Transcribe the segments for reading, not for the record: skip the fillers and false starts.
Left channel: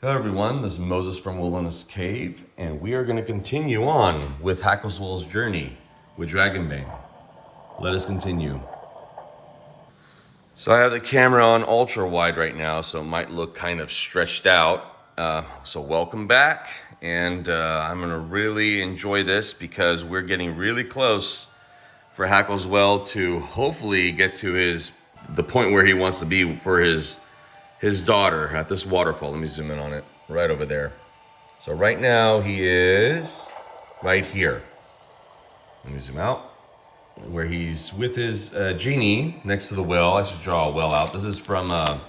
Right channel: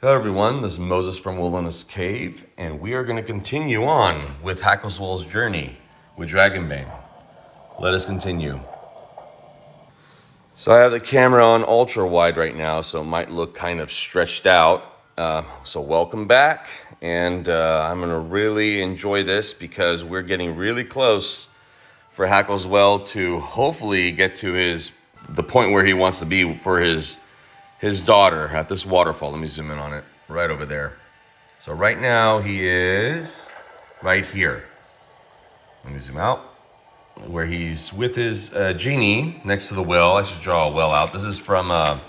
Hello everyone, this is Moses from Wilona's Cave, and we are going to continue on with Hackleswell's journey with Dragonbane. Let us continue. So I have the camera on ultra wide right now, so it might look kind of stretched out. So welcome back, and I'm going to really enjoy this because we're getting really close for Hackleswell to hopefully get to the point where he wants to be for his daughter at this waterfall. Let me zoom in on it, right over there. So right now he is right here. Let me zoom out, where he's with his genie next to the well. I should draw a well out. This is from, well,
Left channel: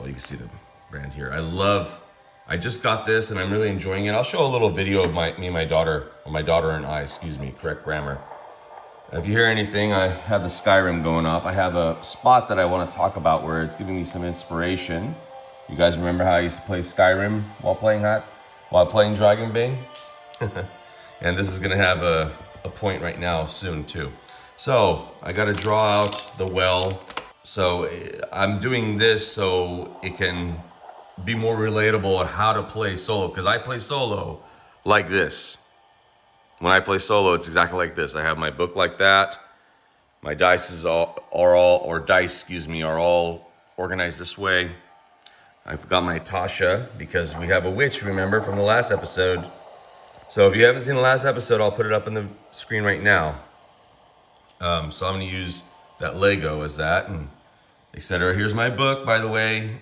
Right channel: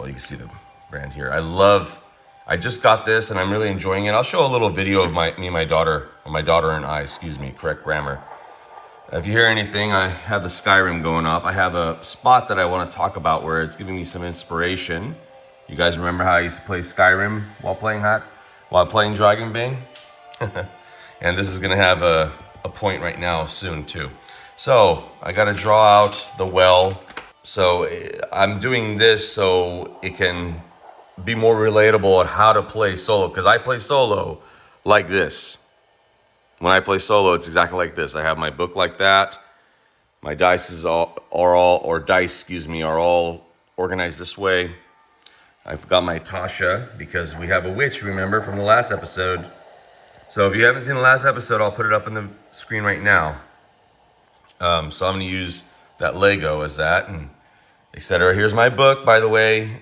you can see the brand here. I just got this and I'm really enjoying it. I'll show a little video of me and my daughter, or my daughter and I, excuse me, correct grammar. If you hear anything, I have the Skyrim going off. I have a spot that I want to talk about where it's giving me some inspiration. You guys remember how I used to play Skyrim while playing Dragonbane? And this is going to have a point right now soon too. So I got to draw out the well. So I'm doing this so it can be more relatable on how to play solo, because I play solo like this. When I play solo, it's exactly like this. I have my book like that. My dice are all organized this way. I've got my Tasha because we have a witch, remember, from the last episode. So if you haven't seen the last episode, I'll put it up on the screen right now. So I'm going to use that Lego as that, and etc. Here's my book, by the way.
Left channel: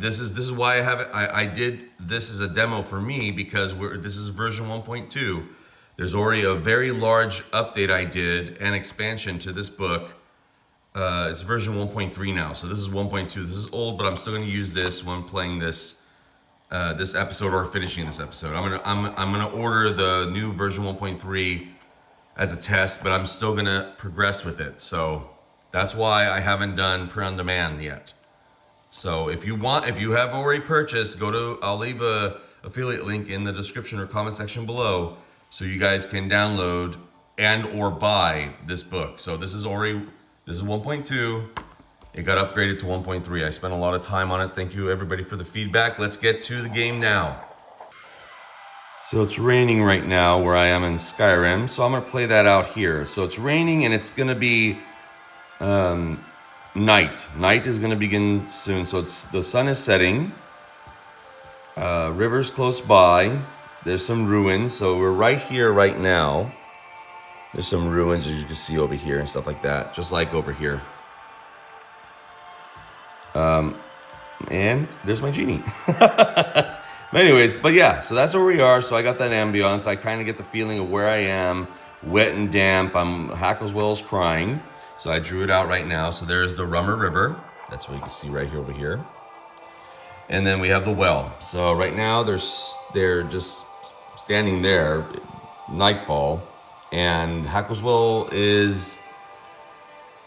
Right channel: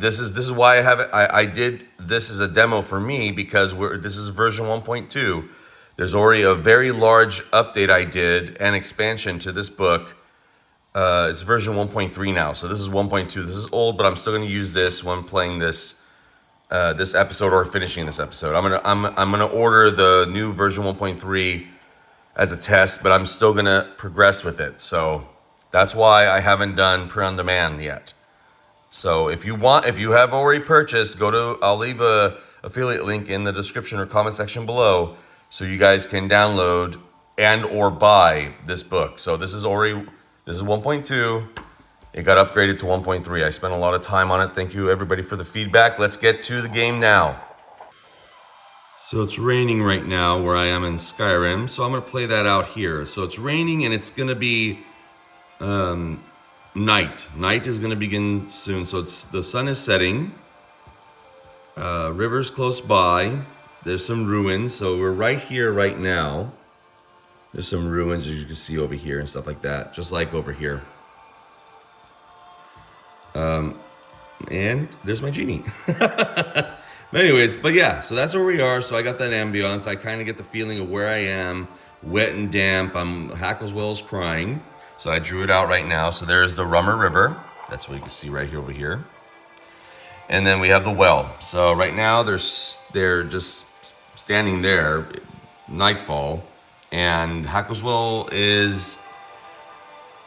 This is why I have it. I did this as a demo for me because this is version 1.2. There's already a very large update I did and expansion to this book. It's version 1.3 now, so this is 1.2. This is old, but I'm still going to use this when playing this episode or finishing this episode. I'm gonna order the new version 1.3 as a test, but I'm still gonna progress with it. So that's why I haven't done pre-on-demand yet. So if you have already purchased, I'll leave a affiliate link in the description or comment section below so you guys can download and or buy this book. So this is 1.2. It got upgraded to 1.3. I spent a lot of time on it. Thank you everybody for the feedback. Let's get to the game now. So it's raining right now where I am in Skyrim. So I'm gonna play that out here. So it's raining and it's gonna be night. Night is going to begin soon. So the sun is setting. River's close by. There's some ruins. So we're right here right now. There's some ruins as you can see over here and stuff like that. Just like over here. And there's my genie. But yeah, so that's where we are. So I got that ambiance. I kind of get the feeling of where I am. Wet and damp. Hackleswell's crying. So I drew it out right now. So there's the Rummer River. That's what you can see right here over here. And then we have the well. So right now they're just standing there, nightfall, and Hackleswell is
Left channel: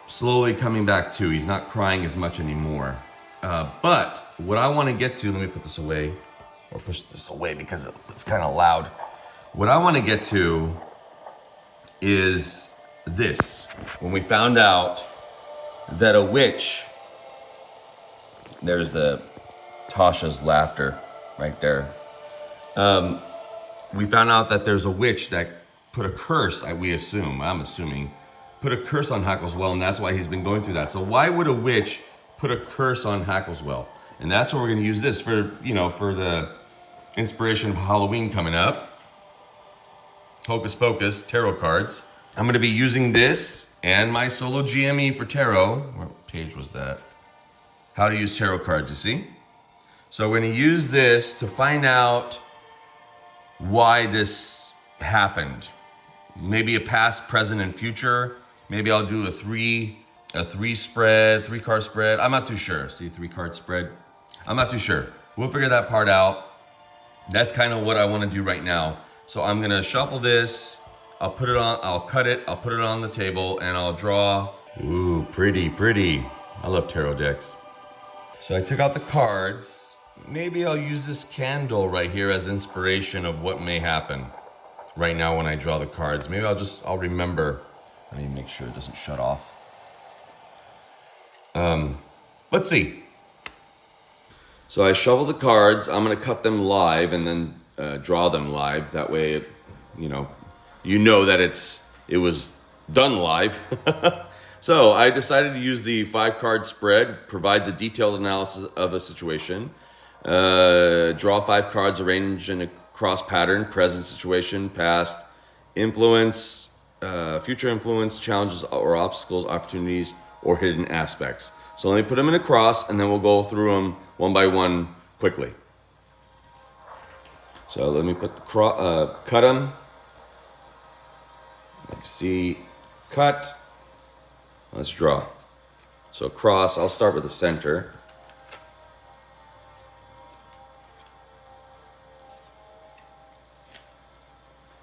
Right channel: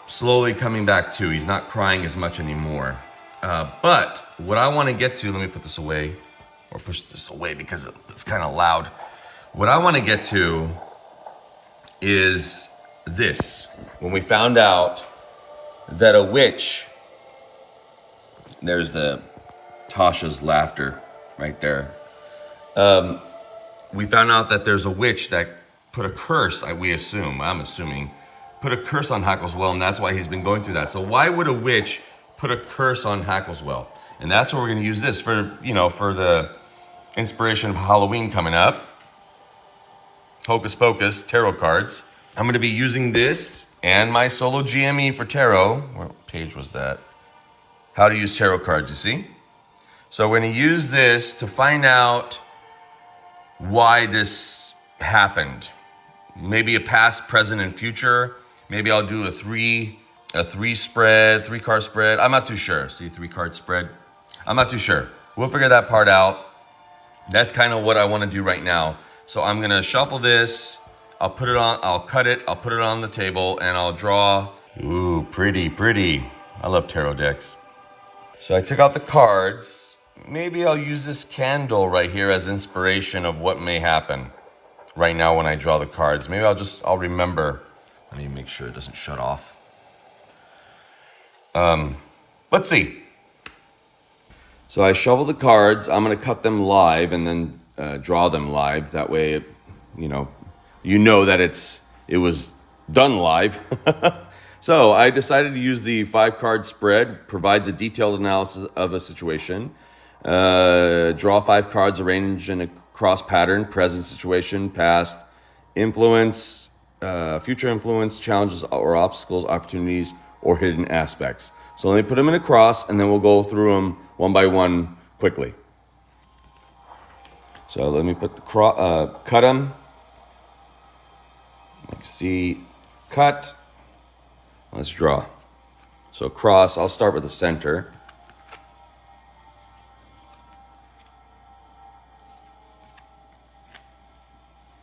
slowly coming back to. He's not crying as much anymore. But what I want to get to, let me put this away, or push this away because it's kind of loud. What I want to get to is this. When we found out that a witch, there's the Tasha's laughter right there. We found out that there's a witch that put a curse, I'm assuming, put a curse on Hackleswell, and that's why he's been going through that. So why would a witch put a curse on Hackleswell? And that's what we're gonna use this for, for the inspiration of Halloween coming up. Hocus Pocus tarot cards. I'm going to be using this and my Solo GME for tarot. What page was that? How to use tarot cards, you see? So we're going to use this to find out why this happened. Maybe a past, present, and future. Maybe I'll do a three card spread. I'm not too sure. See, 3-card spread. I'm not too sure. We'll figure that part out. That's kind of what I want to do right now. So I'm going to shuffle this. I'll cut it, I'll put it on the table, and I'll draw. Ooh, pretty. I love tarot decks. So I took out the cards. Maybe I'll use this candle right here as inspiration of what may happen right now when I draw the cards. Maybe I'll remember. Let me make sure it doesn't shut off. Let's see. So I shuffle the cards. I'm going to cut them live and then draw them live. That way, you know that it was done live. So I decided to use the 5-card spread. Provides a detailed analysis of a situation. Draw 5 cards arranged in a cross pattern: present situation, past influence, future influence, challenges or obstacles, opportunities, or hidden aspects. So let me put them in a cross, and then we'll go through them one by one quickly. So let me put the cut them. Like see, cut. Let's draw. So cross. I'll start with the center.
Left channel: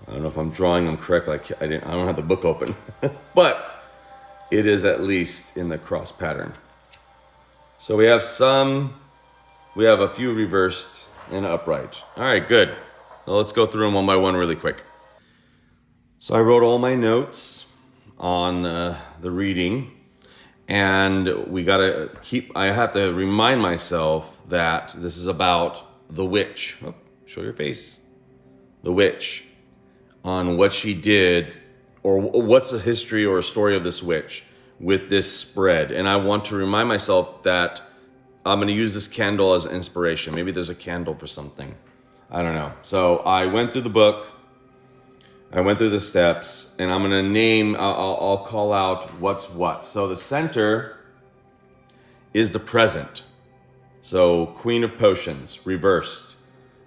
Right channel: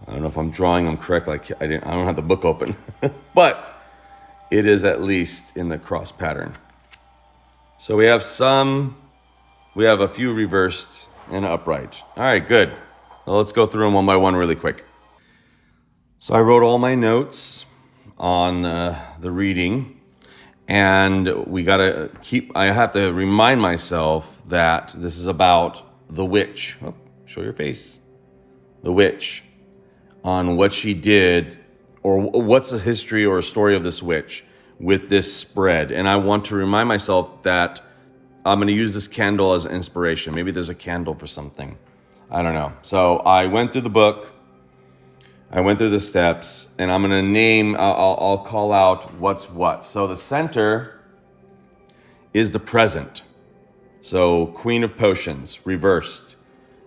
I don't know if I'm drawing them correctly. I don't have the book open, but it is at least in the cross pattern. So we have a few reversed and upright. All right, good. Well, let's go through them one by one really quick. So I wrote all my notes on the reading, and I have to remind myself that this is about the witch. Oh, show your face. The witch. On what she did, or what's the history or story of this witch with this spread. And I want to remind myself that I'm going to use this candle as inspiration. Maybe there's a candle for something. I don't know. So I went through the book. I went through the steps, and I'm going to name, I'll call out what's what. So the center is the present. So Queen of Potions, reversed,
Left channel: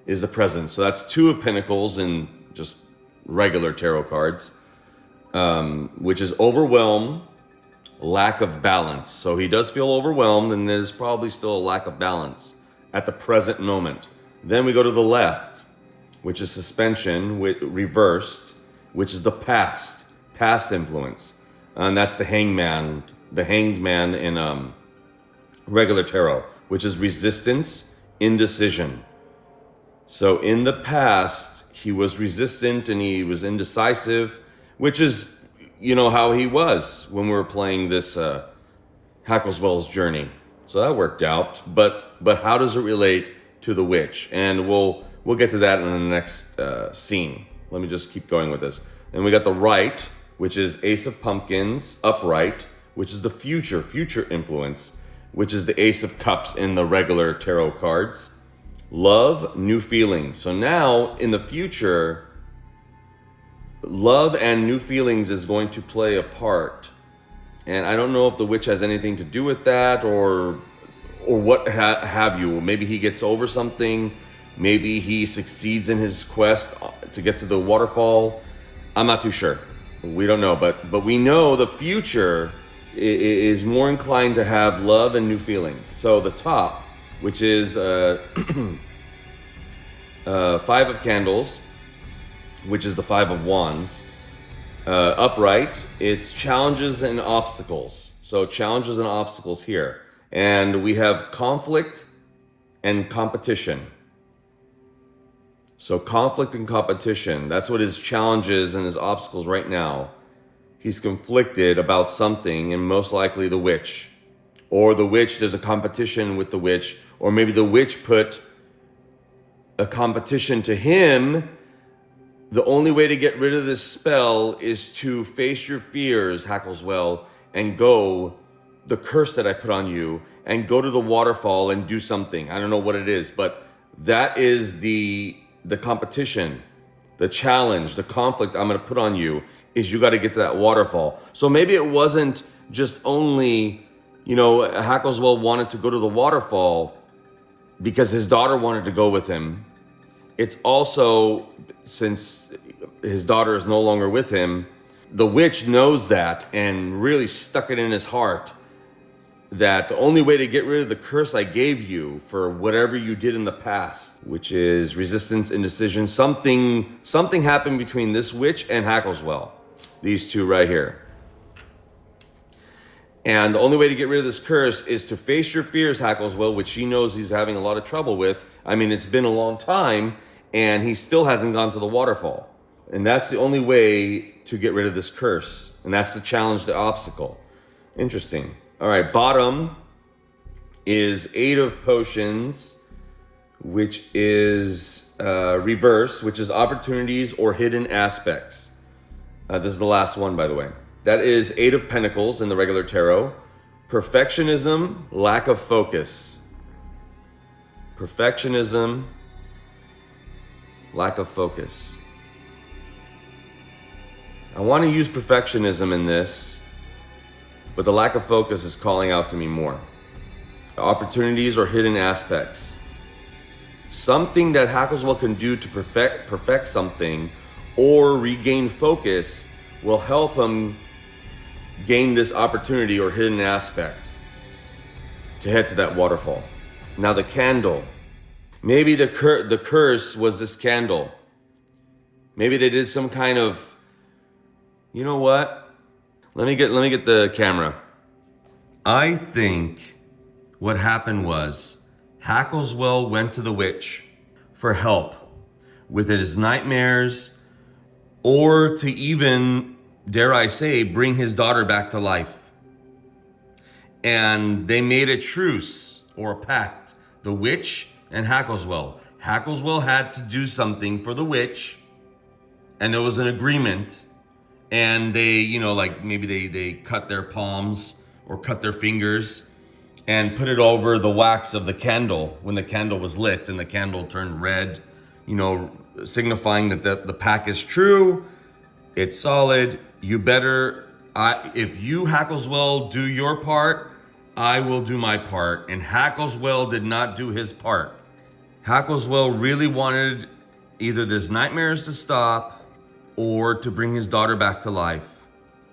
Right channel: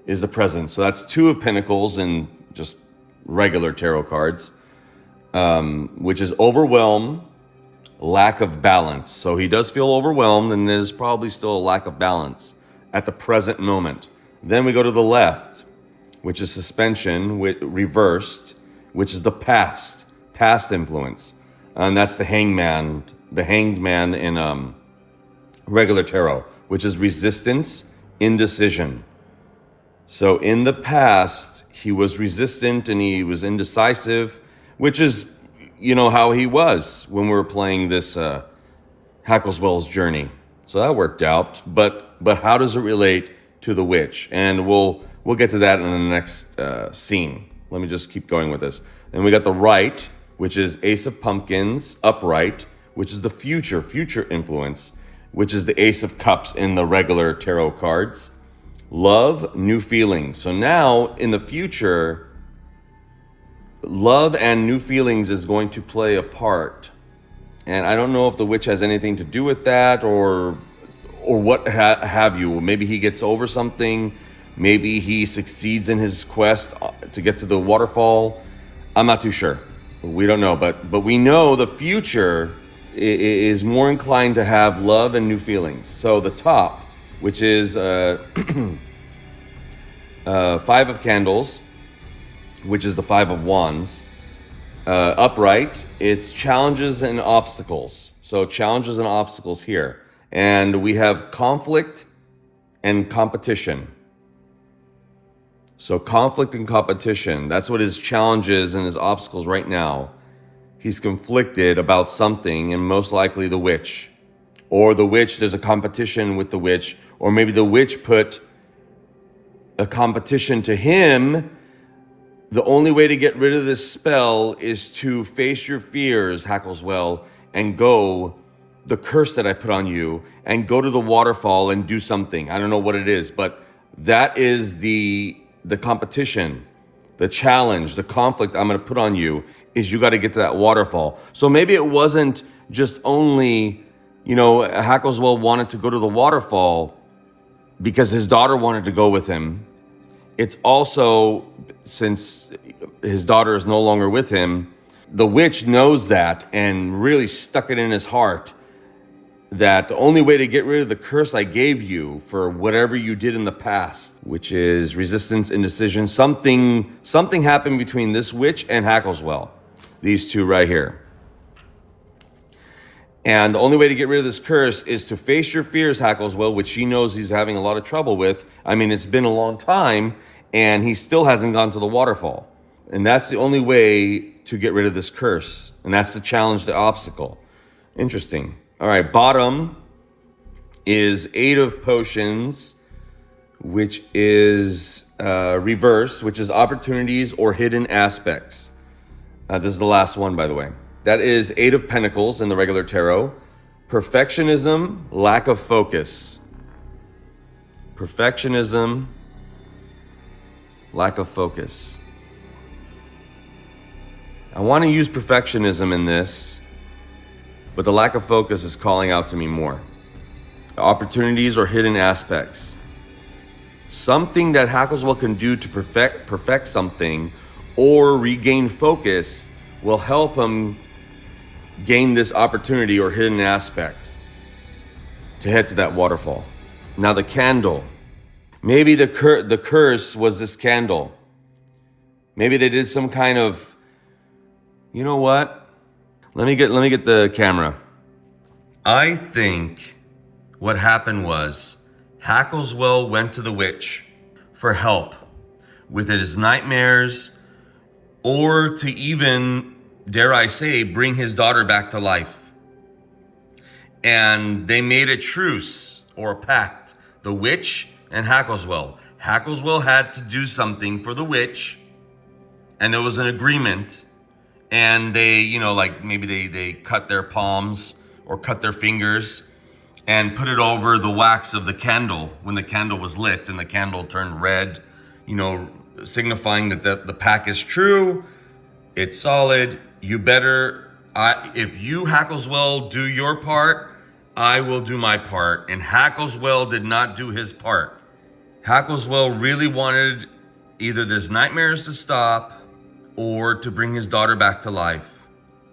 is the present. So that's 2 of Pentacles and just regular tarot cards, which is overwhelm, lack of balance. So he does feel overwhelmed, and there's probably still a lack of balance at the present moment. Then we go to the left, which is suspension, reversed, which is the past influence. And that's the hanged man in regular tarot, which is resistance, indecision. So in the past, he was resistant and he was indecisive, which is, how he was when we were playing this Hackleswell's journey. So that worked out. But how does it relate to the witch? And we'll get to that in the next scene. Let me just keep going with this. Then we got the right, which is Ace of Pumpkins, upright, which is the future influence, which is the Ace of Cups in the regular tarot cards. Love, new feelings. So now in the future, love and new feelings is going to play a part. And I don't know if the witch has anything to do with that or what have you. Maybe he gets over something. Maybe he succeeds in his quest to get to the waterfall. I'm not too sure. We don't know, but we know the future is more inclined to have love and new feelings. So the top, which is 5 of Candles, which is the 5 of Wands. Upright, it's challenges and obstacles. So challenges and obstacles here. And we have conflict and competition. So conflict and competition, that's what his challenges and his obstacles right now. He's conflicted about something, and most likely the witch. Or the witch, there's a competition with the witch. Or maybe the witch put a competition to him. The only way to get rid of this spell is to face your fears, Hackleswell, and go, the curse that I put on you, and go to the waterfall and do something. I don't know what it is, but that is the competition, the challenge, the conflict I'm going to put on you is you got to get to that waterfall. So maybe it wasn't just only, Hackleswell wanted to go to the waterfall because his daughter wanted to go with him. It's also, since his daughter is no longer with him, the witch knows that and really stuck it in his heart that the only way to get rid of the curse I gave you for whatever you did in the past, which is resistance, indecision, something happened between this witch and Hackleswell, these two right here. And the only way to get rid of this curse is to face your fears, Hackleswell, which he knows he's having a lot of trouble with. I mean, it's been a long time, and he still hasn't gone to the waterfall. And that's the only way to get rid of this curse. And that's the challenge, the obstacle. Interesting. All right, bottom is 8 of Potions, which is reversed, which is opportunities or hidden aspects. This is the last one, by the way. That is 8 of Pentacles in the regular tarot. Perfectionism, lack of focus. Perfectionism, lack of focus. I want to use perfectionism in this, but the lack of focus is calling out to me more. Opportunities or hidden aspects. Something that Hackleswell can do to perfect something or regain focus will help him gain this opportunity or hidden aspect to head to that waterfall. Now the candle. Maybe the curse was this candle. Maybe they did some kind of, you know what? Let me get the camera. I think what happened was Hackleswell went to the witch for help with his nightmares, or to even, dare I say, bring his daughter back to life. And they made a truce or a pact, the witch and Hackleswell. Hackleswell had to do something for the witch, and there was an agreement, and they, you know, like maybe they cut their palms or cut their fingers and put it over the wax of the candle when the candle was lit, and the candle turned red, you know, signifying that the pact is true, it's solid. You better, if you, Hackleswell, do your part, I will do my part. And Hackleswell did not do his part. Hackleswell really wanted either his nightmares to stop or to bring his daughter back to life.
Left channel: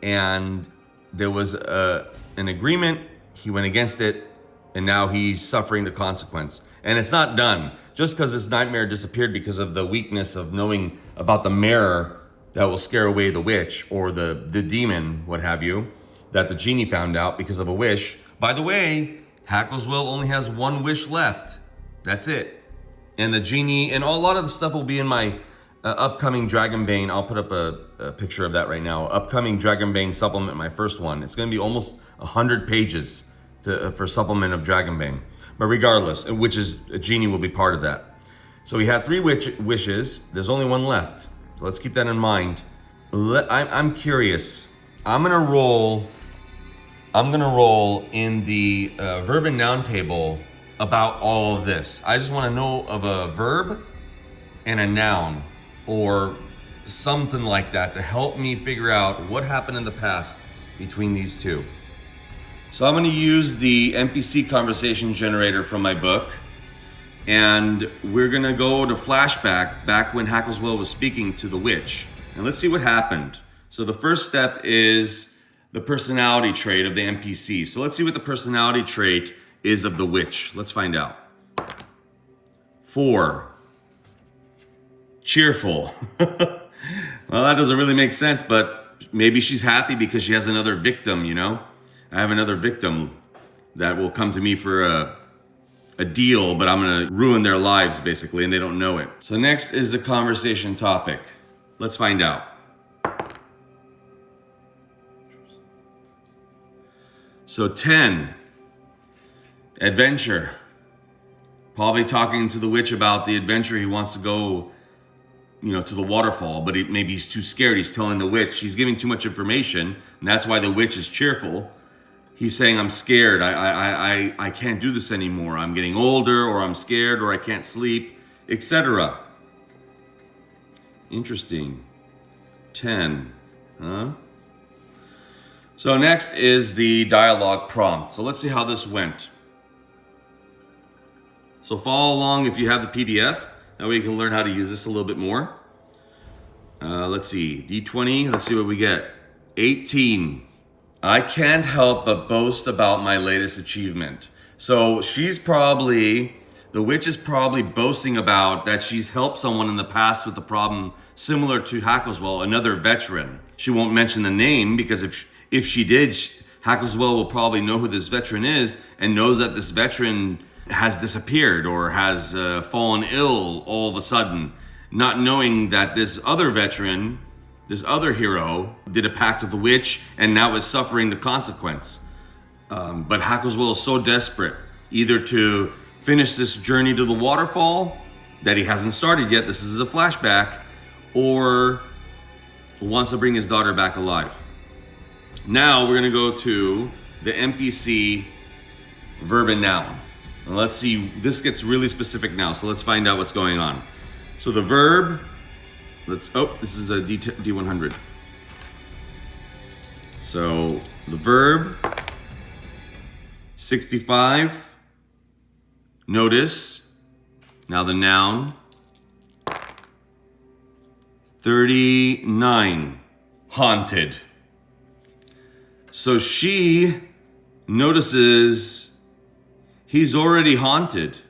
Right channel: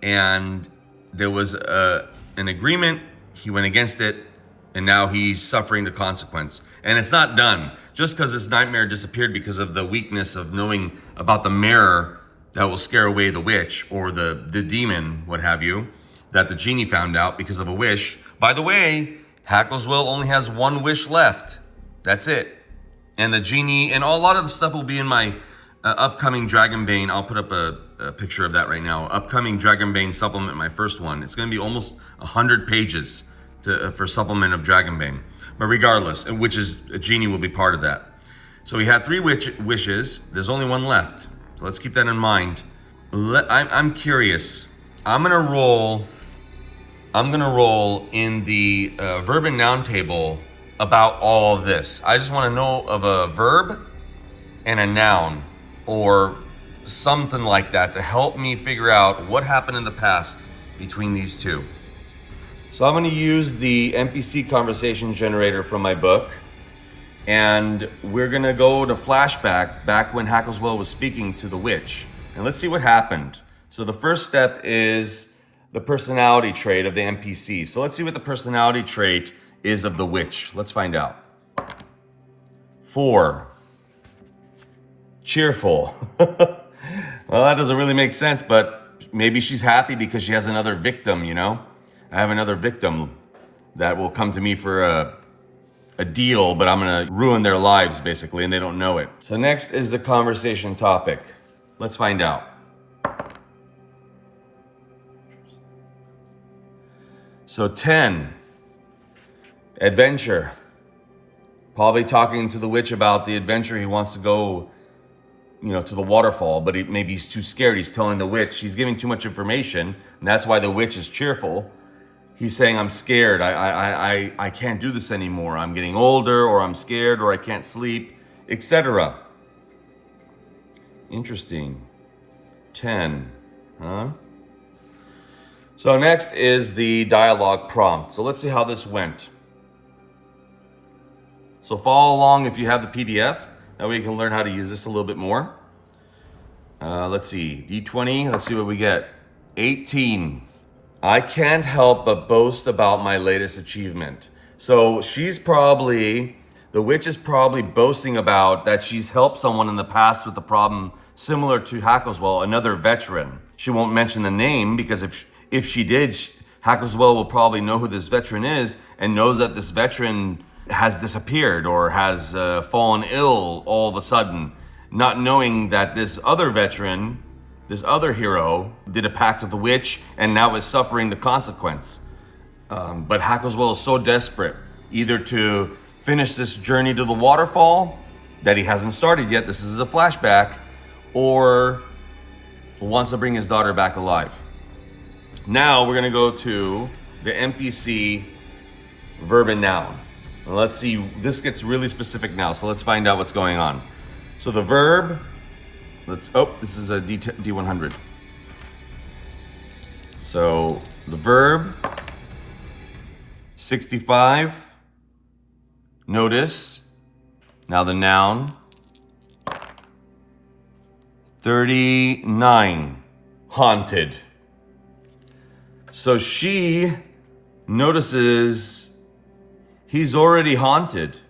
And there was an agreement. He went against it, and now he's suffering the consequence. And it's not done. Just because this nightmare disappeared because of the weakness of knowing about the mirror that will scare away the witch or the demon, what have you, that the genie found out because of a wish. By the way, Hackleswell only has one wish left. That's it. And the genie, and a lot of the stuff will be in my upcoming Dragonbane. I'll put up a picture of that right now. Upcoming Dragonbane supplement, my first one. It's going to be almost 100 pages for supplement of Dragonbane. But regardless, which is a genie will be part of that. So he had 3 wishes. There's only one left. So let's keep that in mind. I'm curious. I'm gonna roll in the verb and noun table about all of this. I just want to know of a verb and a noun or something like that to help me figure out what happened in the past between these two. So I'm going to use the NPC conversation generator from my book, and we're going to go to flashback back when Hackleswell was speaking to the witch. And let's see what happened. So the first step is the personality trait of the NPC. So let's see what the personality trait is of the witch. Let's find out. 4. Cheerful. Well, that doesn't really make sense, but maybe she's happy because she has another victim, you know? I have another victim that will come to me for a deal, but I'm gonna ruin their lives basically, and they don't know it. So next is the conversation topic. Let's find out. So 10, adventure. Probably talking to the witch about the adventure he wants to go, you know, to the waterfall, but maybe he's too scared. He's telling the witch, he's giving too much information, and that's why the witch is cheerful. He's saying, I'm scared, I can't do this anymore. I'm getting older, or I'm scared, or I can't sleep, etc. Interesting. 10, huh? So next is the dialogue prompt. So let's see how this went. So follow along if you have the PDF. That way you can learn how to use this a little bit more. Let's see, D20, let's see what we get. 18. I can't help but boast about my latest achievement. So the witch is probably boasting about that she's helped someone in the past with a problem similar to Hackleswell, another veteran. She won't mention the name because if she did, Hackleswell will probably know who this veteran is and knows that this veteran has disappeared or has fallen ill all of a sudden, not knowing that this other veteran, this other hero, did a pact with the witch and now is suffering the consequence. But Hackleswell is so desperate, either to finish this journey to the waterfall that he hasn't started yet. This is a flashback, or wants to bring his daughter back alive. Now we're gonna go to the NPC verb and noun. And let's see, this gets really specific now, so let's find out what's going on. So the verb, this is a D100. So the verb, 65, notice. Now the noun, 39, haunted. So she notices he's already haunted.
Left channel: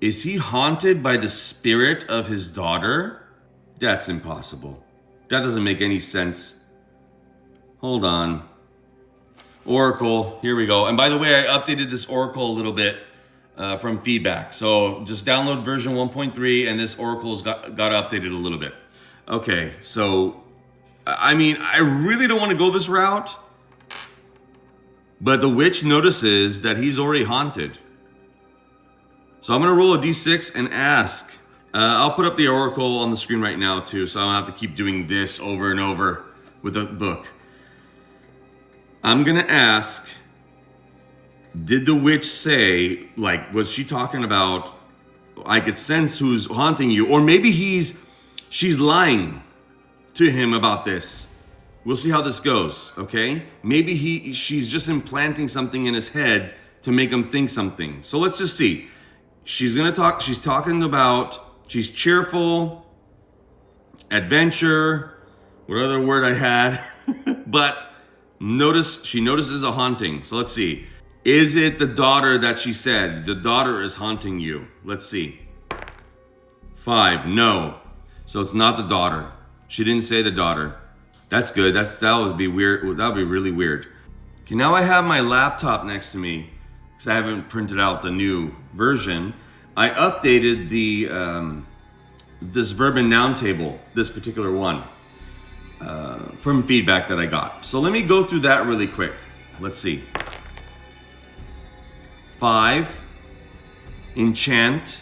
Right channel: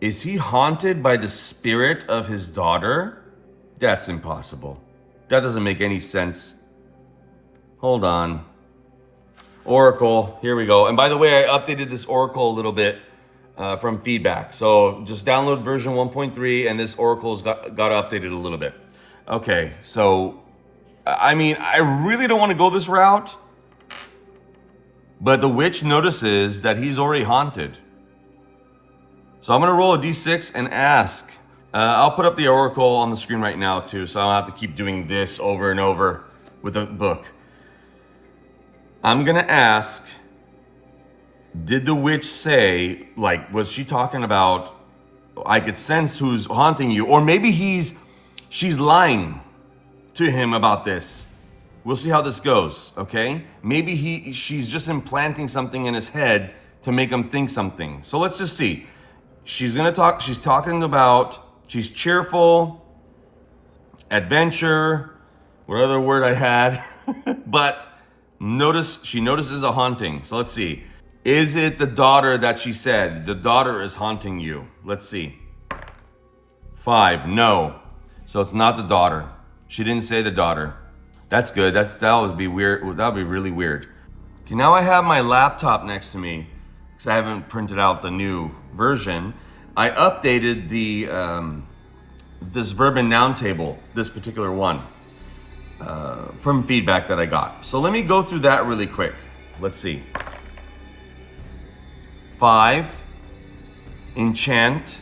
Is he haunted by the spirit of his daughter? That's impossible. That doesn't make any sense. Hold on. Oracle, here we go. And by the way, I updated this Oracle a little bit from feedback. So just download version 1.3 and this Oracle's got updated a little bit. Okay, so, I mean, I really don't want to go this route, but the witch notices that he's already haunted. So I'm going to roll a d6 and ask. I'll put up the Oracle on the screen right now too, so I don't have to keep doing this over and over with the book. I'm going to ask, did the witch say, like, was she talking about, I could sense who's haunting you, or maybe she's lying to him about this. We'll see how this goes, okay? Maybe she's just implanting something in his head to make him think something. So let's just see. She's talking about, she's cheerful, adventure, what other word I had, but she notices a haunting. So let's see. Is it the daughter that she said? The daughter is haunting you. Let's see. 5, no. So it's not the daughter. She didn't say the daughter. That's good. That would be weird. That would be really weird. Okay, now I have my laptop next to me because I haven't printed out the new version. I updated the this verb and noun table, this particular one, from feedback that I got. So let me go through that really quick. Let's see. 5, enchant.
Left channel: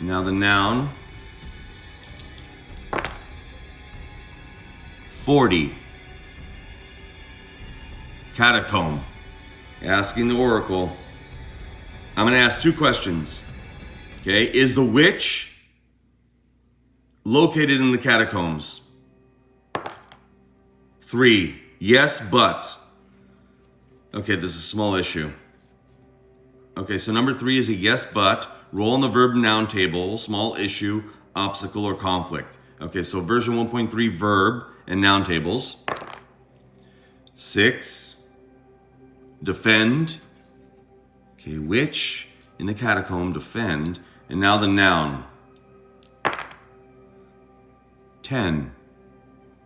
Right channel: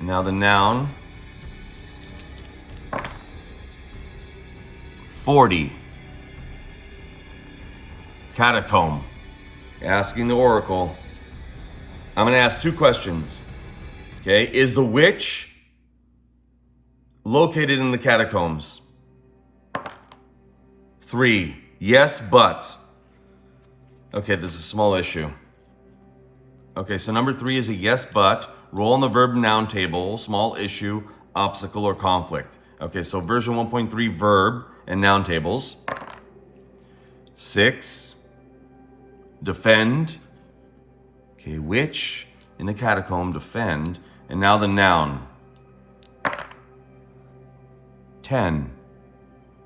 Now the noun. 40, catacomb. Asking the Oracle. I'm going to ask 2 questions. Okay, is the witch located in the catacombs? 3, yes, but. Okay, this is a small issue. Okay, so number 3 is a yes, but. Roll on the verb and noun table, small issue, obstacle, or conflict. Okay, so version 1.3 verb and noun tables. 6, defend. Okay, witch in the catacomb, defend. And now the noun. 10,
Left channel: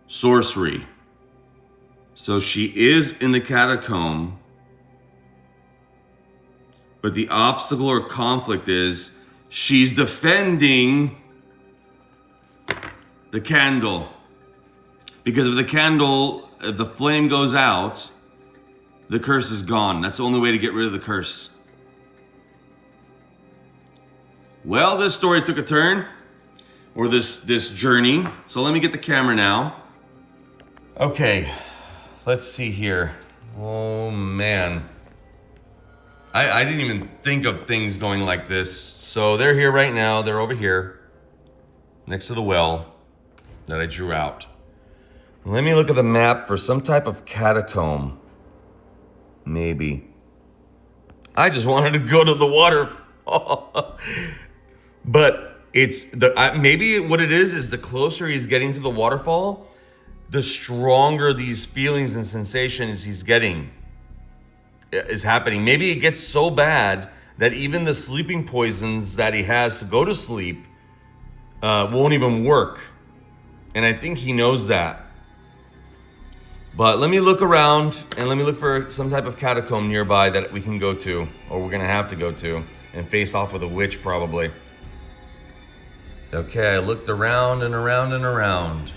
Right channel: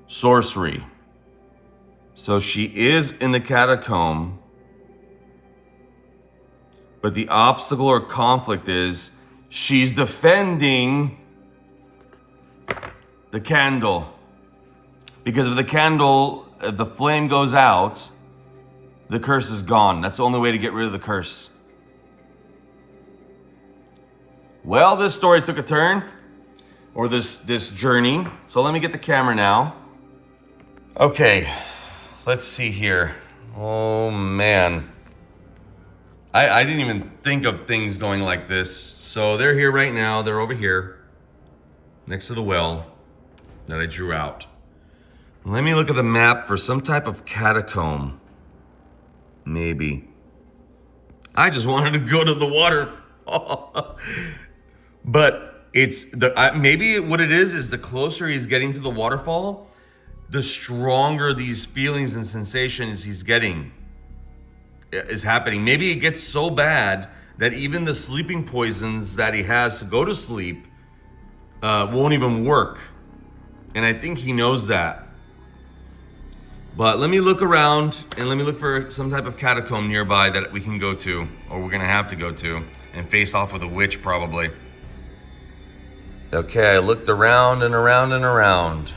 sorcery. So she is in the catacomb, but the obstacle or conflict is she's defending the candle. Because if the candle, if the flame goes out, the curse is gone. That's the only way to get rid of the curse. Well, this story took a turn, or this journey. So let me get the camera now. Okay, let's see here. Oh man. I didn't even think of things going like this. So they're here right now. They're over here next to the well that I drew out. Let me look at the map for some type of catacomb. Maybe. I just wanted to go to the waterfall. But it's maybe what it is the closer he's getting to the waterfall, the stronger these feelings and sensations he's getting is happening. Maybe it gets so bad that even the sleeping poisons that he has to go to sleep won't even work. And I think he knows that. But let me look around and let me look for some type of catacomb nearby that we can go to, or we're gonna have to go to, and face off with a witch probably. Okay, I looked around and around and around.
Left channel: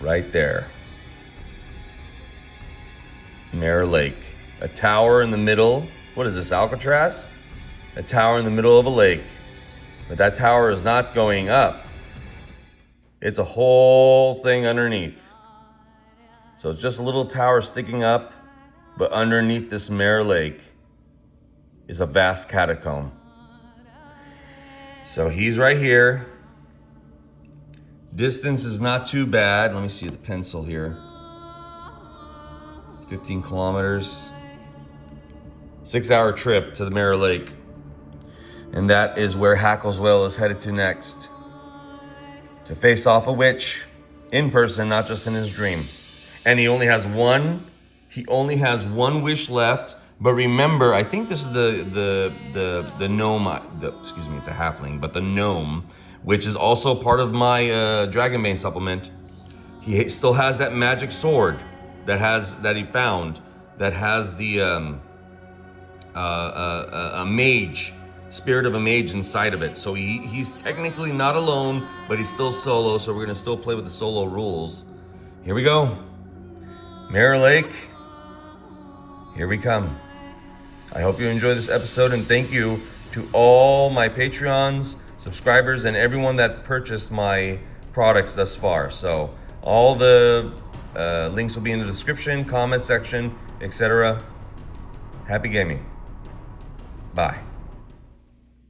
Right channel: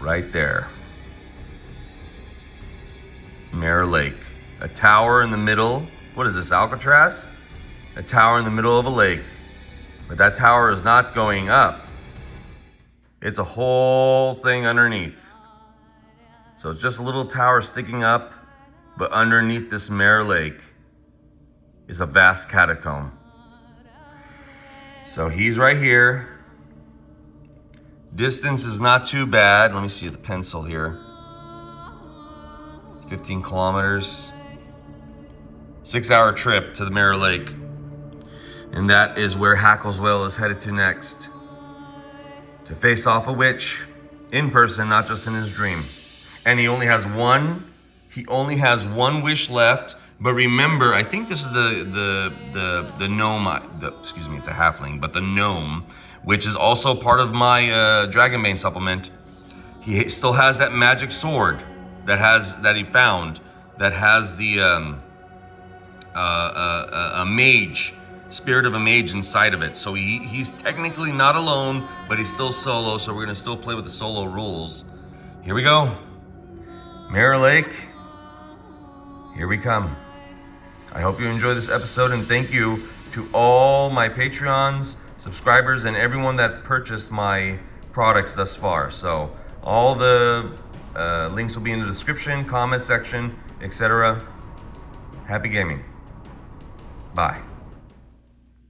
Right there. Mare Lake. A tower in the middle. What is this, Alcatraz? A tower in the middle of a lake. But that tower is not going up. It's a whole thing underneath. So it's just a little tower sticking up, but underneath this mare lake is a vast catacomb. So he's right here. Distance is not too bad. Let me see the pencil here. 15 kilometers. 6-hour trip to the Mirror Lake. And that is where Hackleswell is headed to next. To face off a witch in person, not just in his dream. And he only has one wish left. But remember, I think this is the gnome, excuse me, it's a halfling, but the gnome, which is also part of my Dragonbane supplement. He still has that magic sword that he found that has the a mage, spirit of a mage inside of it. So he's technically not alone, but he's still solo. So we're gonna still play with the solo rules. Here we go, Mirror Lake. Here we come. I hope you enjoy this episode, and thank you to all my Patreons, subscribers, and everyone that purchased my products thus far. So all the links will be in the description, comment section, etc. Happy gaming. Bye.